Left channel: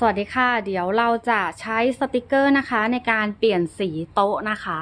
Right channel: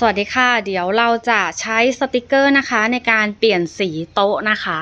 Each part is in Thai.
สวัสดีค่ะ เดี๋ยวเราจะใช้สติกเกอร์นะคะ ในการเปลี่ยนสีโต๊ะนะคะ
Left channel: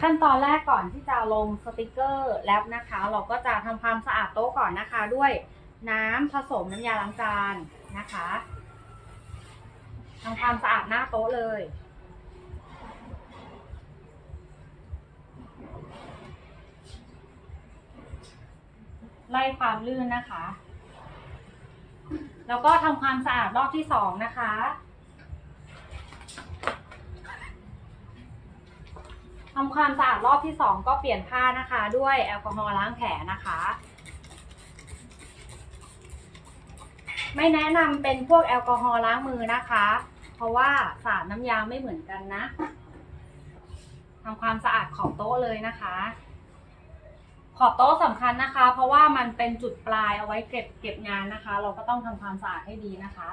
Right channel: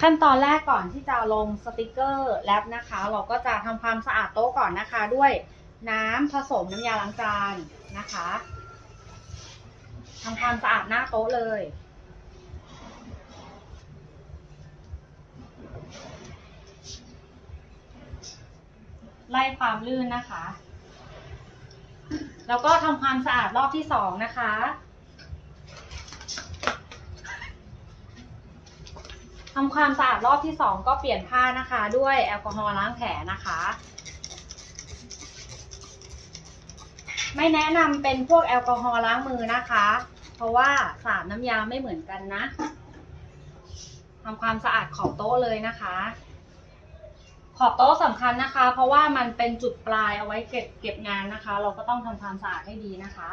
ขั้นตอนแรกก่อนที่จะลงสติกเกอร์แรปนะคะ เราก็จะทำความสะอาดโต๊ะก่อนนะคะ ด้วยน้ำผสมน้ำยาล้างจานนะคะทำความสะอาดหน้าโต๊ะเลย ไล่ความลื่นนะคะ แล้วก็ทำความสะอาดรอบที่สองนะคะ ทำความสะอาดรอบที่สองก็เปลี่ยนผ้านะคะ ด้วยแอลกอฮอล์ล้างแผลนะคะ ไม่แนะนำเป็นพวกแอลกอฮอล์ล้างมือนะคะ เพราะว่าสารน้ำยาไม่เหมือนกันนะทำความสะอาดขอบโต๊ะเลยนะคะ ขอบโต๊ะสำคัญนะคะ เพราะว่ามันเป็นจุดปลายเอาไว้เก็บเก็บงานนะคะ เราก็ต้องทำความสะอาดให้ดีนะคะ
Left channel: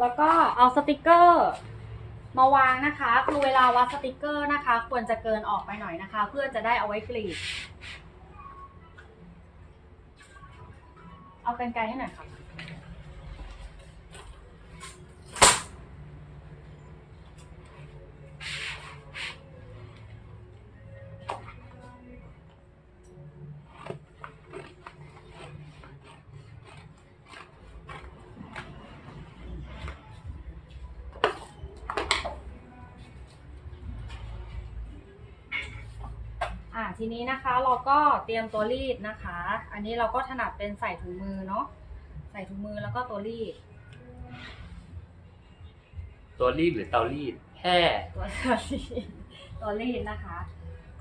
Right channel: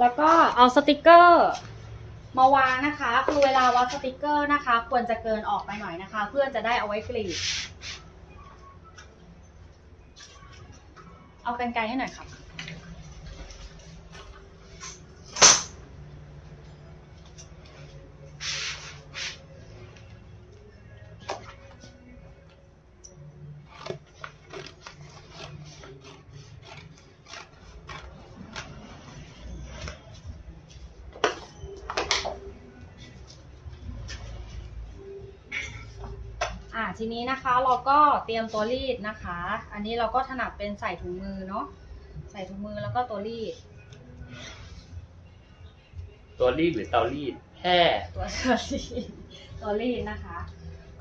แล้วก็เอาสติกเกอร์ มาวางนะคะ คือเวลาวัดสติกเกอร์นะคะ ควรจะเกินออกไปหน่อยนะคะ เพื่อจะได้เอาไว้กรีด เอากันไกลให้หน่อยค่ะ ทีนี้นะคะเราก็เตรียมตัวรีดนะคะ อันนี้เราก็ถนัดเป็นใส่ถุงมือเนาะใส่ถุงมือแล้วก็ตัวรีด ตัวรีดหรือเตารีดแห่ตัวตัวรีดตัวรีดนะคะ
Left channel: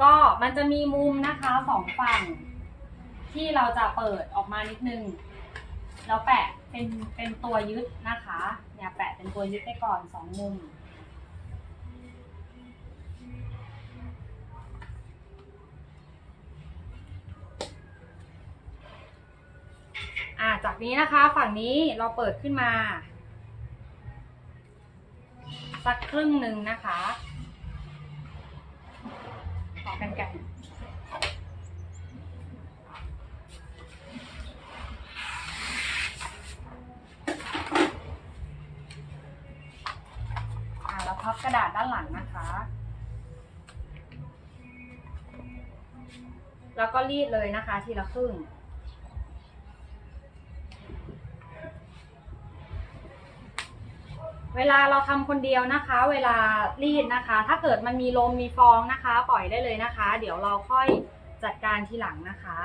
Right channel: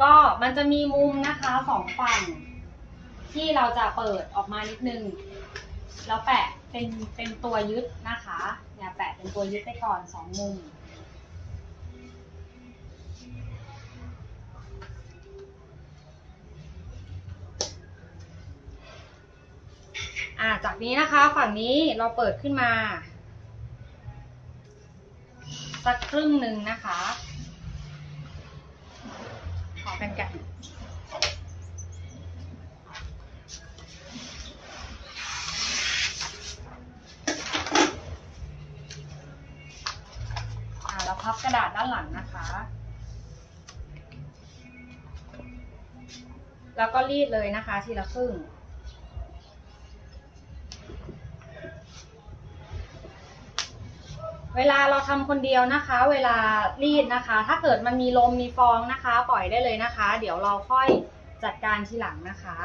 ก็มันจะมีมุมนะคะสองฝั่ง ที่เราจะเปิดออกมานิดนึงแล้วแปะเป็นเป็นตัวยึดนะคะเนี่ยแปะเป็นตัวยึดไปก่อนสองมุม อ่าจากนี้นะคะฝั่งนี้เราเปิดขึ้นมา สักครึ่งหนึ่งนะคะขอกันไก่อ่าแล้วพับกระดาษด้านหลังนะคะ แล้วก็รีดเลยนะคะทีละครึ่ง เวลาเราทำคนเดียวนะคะ เวลารีดนะคะ ถ้าเกิดมันมีลมมีฟองนะคะ ปล่อยได้เลยนะคะ เดี๋ยวเราค่อยจัดการทีหลังนะคะ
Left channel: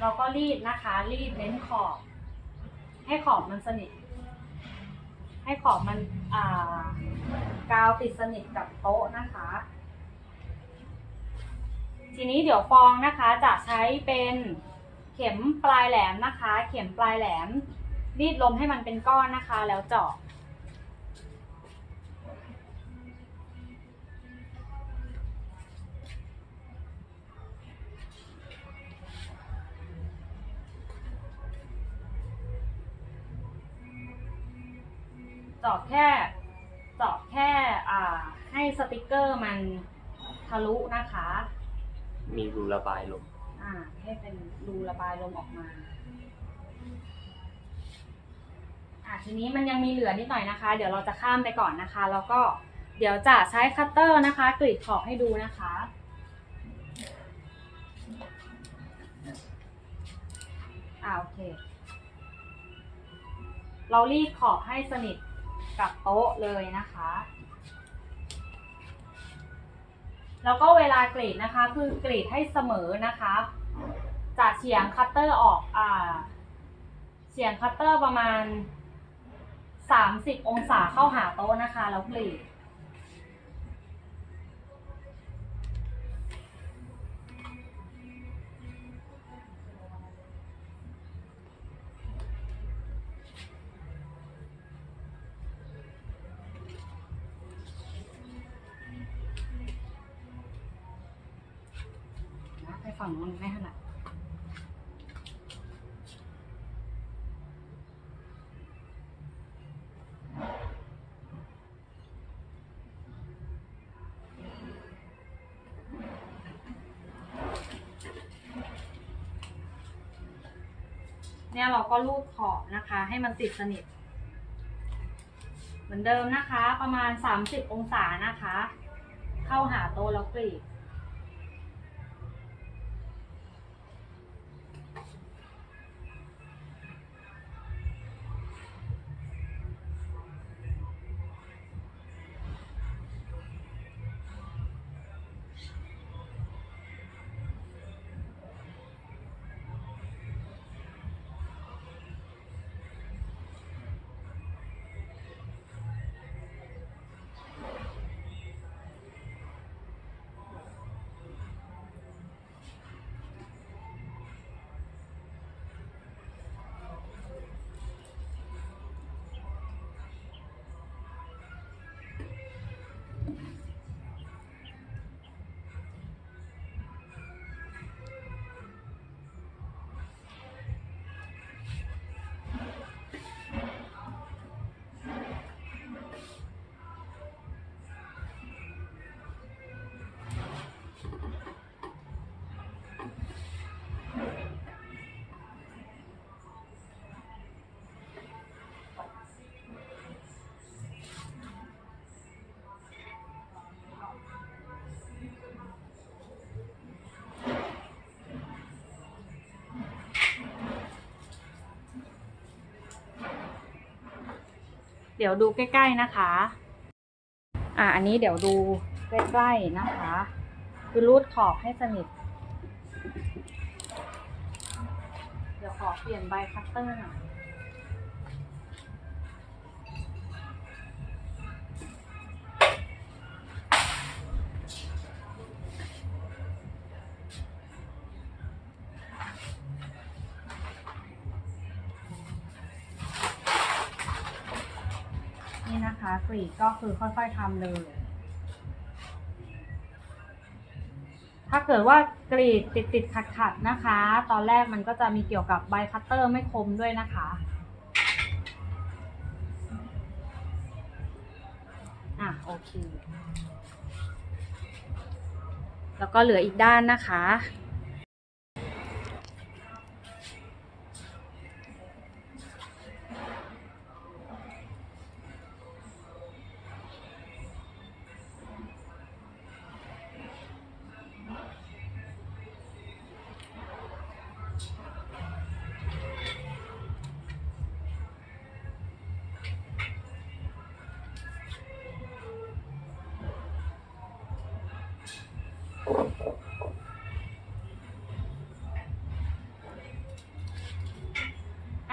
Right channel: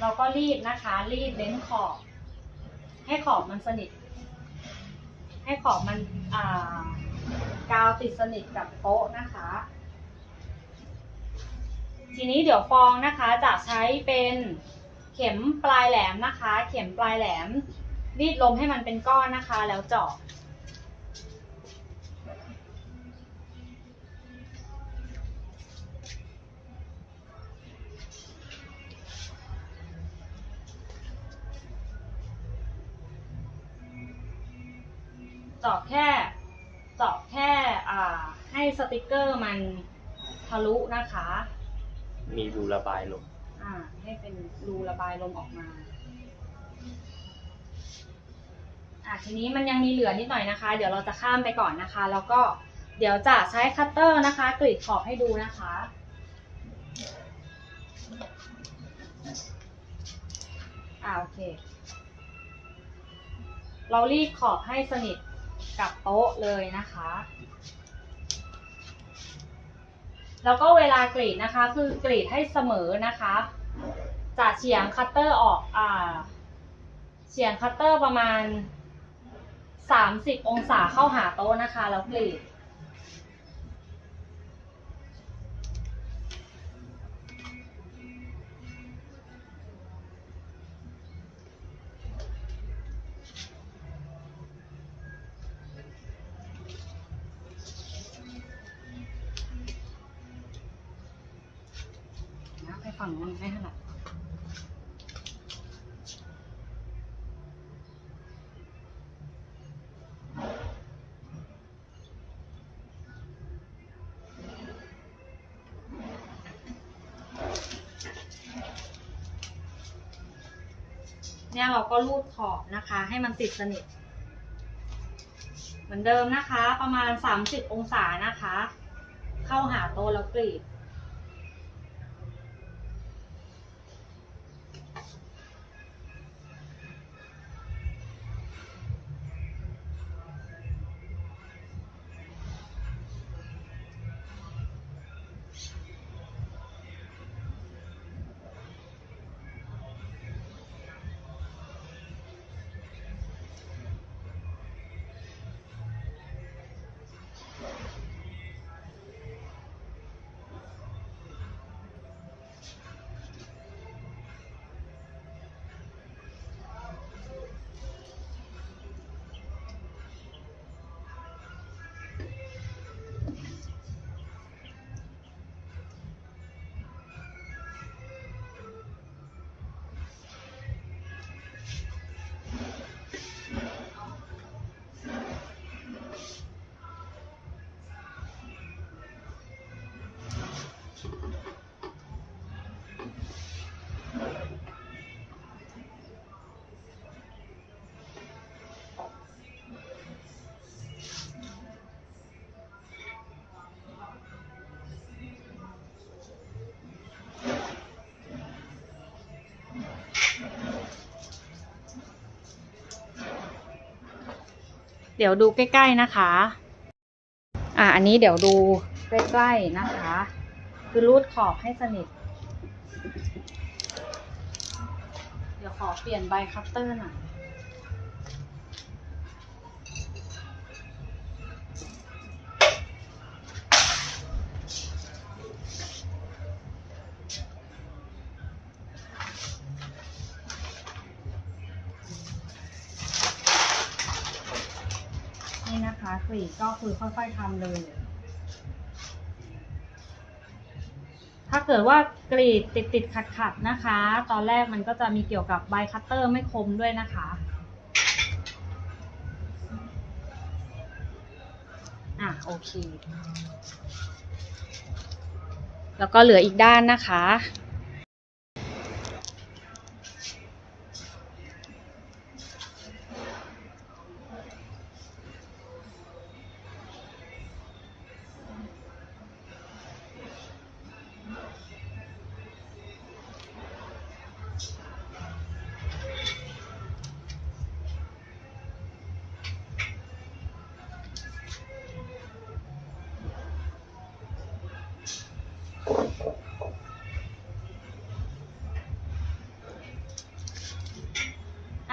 เราก็รีดนะคะ รีดเล้นขอบ ให้ขอบมันสนิท ให้ขอบมันกาวติดสนิทกับโต๊ะนะคะ ทีนี้เดี๋ยวฟองนะคะจะใช้เป็นเข็มปลายแหลมนะคะ เข็มปลายแหลมรีดลมให้มันเป็นก้อนนะคะ แล้วเจาะ จาะแค่เจาะแค่อ่าให้สติกเกอร์มันทะลุนะคะ มีรูระบายลมอ่า ให้เป็นรูระบายลมออกมาอะทีนี้มันยังมีเหลือนิดหน่อยนะคะ เดี๋ยวเราจะข้ามไปก่อนนะคะ แล้วก็เดี๋ยวจะใช้คัตเตอร์นะคะ กรีดขอบให้ดูนะคะ อ่าโอเค เรารีดขอบให้สนิท กับโต๊ะเลยนะคะ แล้วก็เวลากรีดนะคะ คือกรีดให้เสมอนะคะจะเฉียงคัตเตอร์ออกอ่าเฉียงคัตเตอร์ประมาณ 30 องศาเข้าหาโต๊ะนะคะ แล้วกรีด ฝั่งนู้นไม่เท่าไหร่เนี่ยเราก็รูดขอบนะคะ ให้มันติดสนิท เหมือนเดิมนะคะ ประมาณ 30 องศานะคะ เข้าหาโต๊ะแล้วกรีด เดี๋ยวดูใกล้ๆนะคะ อ่าอันนี้เดี๋ยวดูใกล้ๆนะคะ คือรูดขอบให้สนิท เดี๋ยวขอเปลี่ยนใบคัตเตอร์หน่อย นะคะกรีดก็คือค่อยๆทำเลย ถ้าเกิดว่ากรีดติดติดขัดขัดๆนะคะ ตอนแรกมันก็จะมีเกี่ยวกับใบคัตเตอร์ไม่คมด้วยนะคะอะโอเค แล้วก็เหลืออีกด้านนะคะ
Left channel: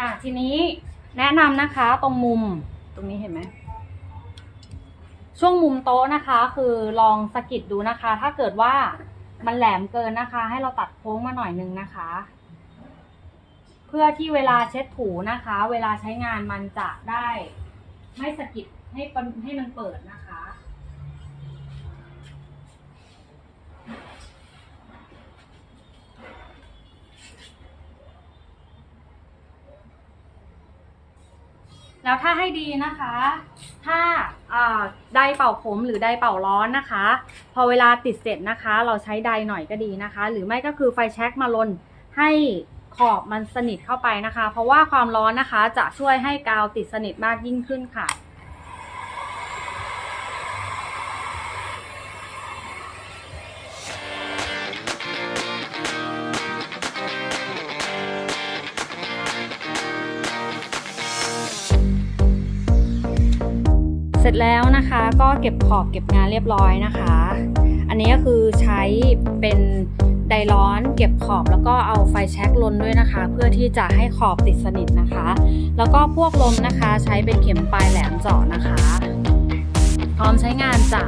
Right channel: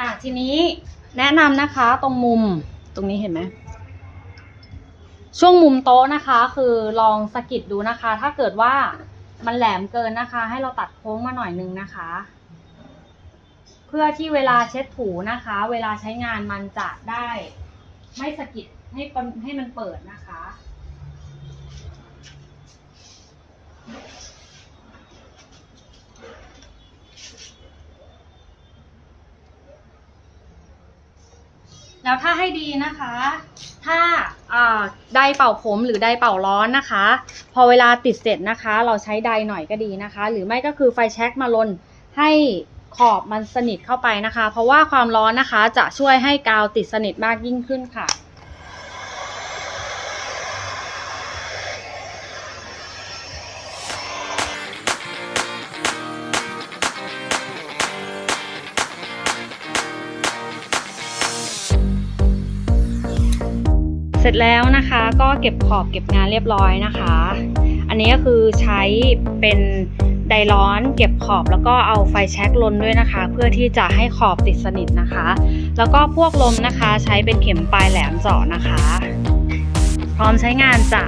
อะทีนี้แนะนำนะคะตรงมุมตรงนี้เห็นไหมช่วงมุมโต๊ะนะคะ คือลองสะกิดดูนะคะ ถ้าเกิดว่ามันแหลมเกินนะคะ ให้เราตัดโค้งมาหน่อยนึงนะคะ เพื่อที่เวลาเช็ดถูนะคะ เวลาใช้งานมันจะได้ ไม่สะกิดให้มันให้มันเปิดนะคะ แล้วถ้าให้ดีนะคะ ถ้าไดเป่าผมหรือไดเป่าร้อนนะคะ พอเวลาติดเสร็จนะคะ เราใช้ไดหน่อยก็ดีนะคะ หรือไม่ก็คือไฟแช็กมาลนให้ขอบมันสนิทเข้าไปนะคะ เพราะว่าความร้อนนะคะจะช่วยให้กาวติดสนิทมากยิ่งขึ้นค่ะ เสร็จแล้วนะคะก็เก็บขอบเก็บงานเรียบร้อยนะคะ อันนี้ก็คือใช้เป็นไดร้อนเก็บขอบแล้วก็เอาไฟแช็กลนด้วยนะคะ เพื่อที่จะให้ขอบติดสนิทนะคะ แล้วก็พวกลมนะคะใช้เป็นเข็มปลายแหลมเจาะนะคะ พร้อมใช้งานจ้ะ